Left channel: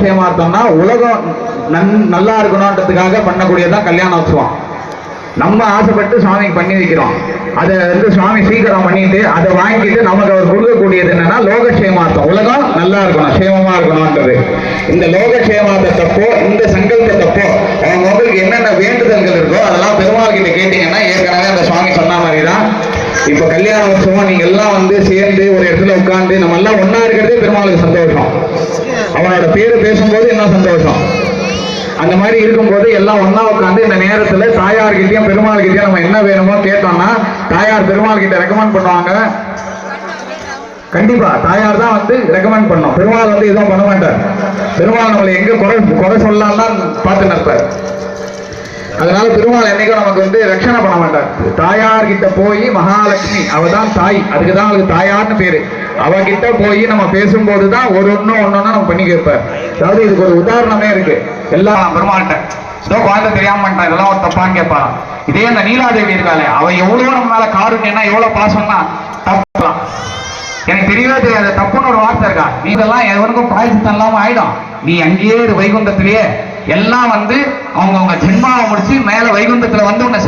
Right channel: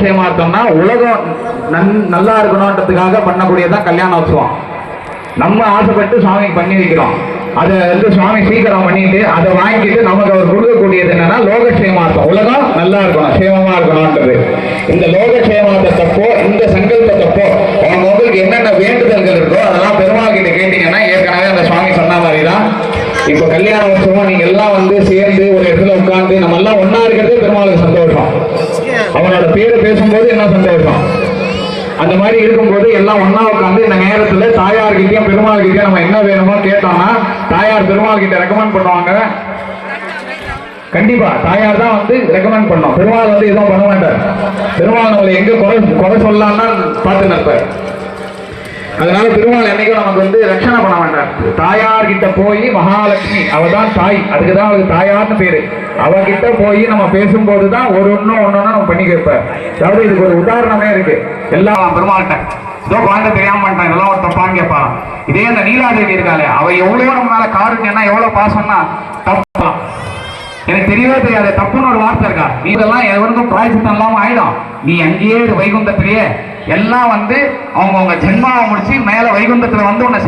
லோகக்ஷேமார்த்தம்னா உலகம் நல்லா இருக்கணும்ன்றதுக்காக பண்ணக்கூடியதான் கல்யாணோத்சவம். நம்ம ஆசைப்பட்டு சுவாமிக்கு பண்ணி வைக்கிறோம். அதை வந்து சுவாமி சீக்கிரம் பண்ணிட்டு அதை வாங்கிட்டு நமக்கு அவர் கொடுக்கக்கூடியது என்னன்னா லோகக்ஷேமார்த்தம், உலகம் நல்லா இருக்கணும், சேமமா இருக்கணும்ன்றது. இந்த லோகக்ஷேமார்த்தப்போ இந்த சங்கல்பத்தப்போ உங்களுக்கு என்னென்ன வேண்டுதல்கள் இருக்கோ அதெல்லாம் பெருமாள் கிட்ட கேட்டீங்கன்னா ஏற்கனவே அந்த சுவாமி சொன்ன மாதிரி தான். இப்போ கல்யாண உற்சவம் நீங்க எல்லாம் வந்து சேர்ந்து ஒரு இடத்துல உட்கார்ந்து நம்ம எல்லாம் ஒன்னா இருக்கிறதே பெருமாளுக்கு சந்தோஷம். அவனோட பேரு பேசும்போது என்ன சந்தோஷம். அந்த மாதிரி இருக்கும்போது எல்லாம் ஒன்னா உட்காந்து இந்த நேரத்துல தாயார்கிட்டயும் பெருமாள் கிட்டயும் நம்ம என்ன வேணுமோ கேட்டோம்னா தாயார் பெருமாள் கிட்ட ரெக்கமெண்ட் பண்ணுவாங்க. கண்டிப்பா தாயார் தான் வந்து ரெக்கமெண்ட் பண்ணோம். பெருமாள் வந்து எதுவும் பண்ண மாட்டார். பெருமாள் நம்மளை எங்க குறை சொல்லலாம்னா பார்த்து நிற்பார். அதனால பெருமாள் என்னைக்கும் நமக்கு வந்து ரட்சணை பண்ண மாட்டார். தாயார் கிட்ட போய் மகாலட்சுமி அவதான் தாய், அதுக்குதான் அவளுக்கு தாயார்னு பேரு. அவகிட்ட போய் நம்ம பேசும்போதுதான் ஒன்னொன்னா நம்ம பண்ணி கேட்பார். அதாவது இதுக்கு ஒரு உதாரணமே இருக்கு. எல்லாம் பெருமாள்கிட்ட ஏதோ குழந்தை தெரியாம மாட்டான் இதெல்லாம் ஒரு தப்பான்னு கேட்பா. இதே அந்த நீலாதேவி இருக்காளே அவ எவ்வளவு நம்ம மேல காருண்யம்னா எவ்வளவு பாசம்னா தப்பா எனக்கு தெரியவே தெரியாது. தப்புன்னு ஒரு வார்த்தை இருக்கா. நீ இதெல்லாம் எவருக்கும் பிராயசித்தம் இல்லாம ஆயிடும். நீ அங்கேயே வைகுந்தத்திலேயே எல்லாம் வந்து அவங்க ஜென்மாவை முடிச்சு மேல வைகுந்தத்துல வந்து உன்னை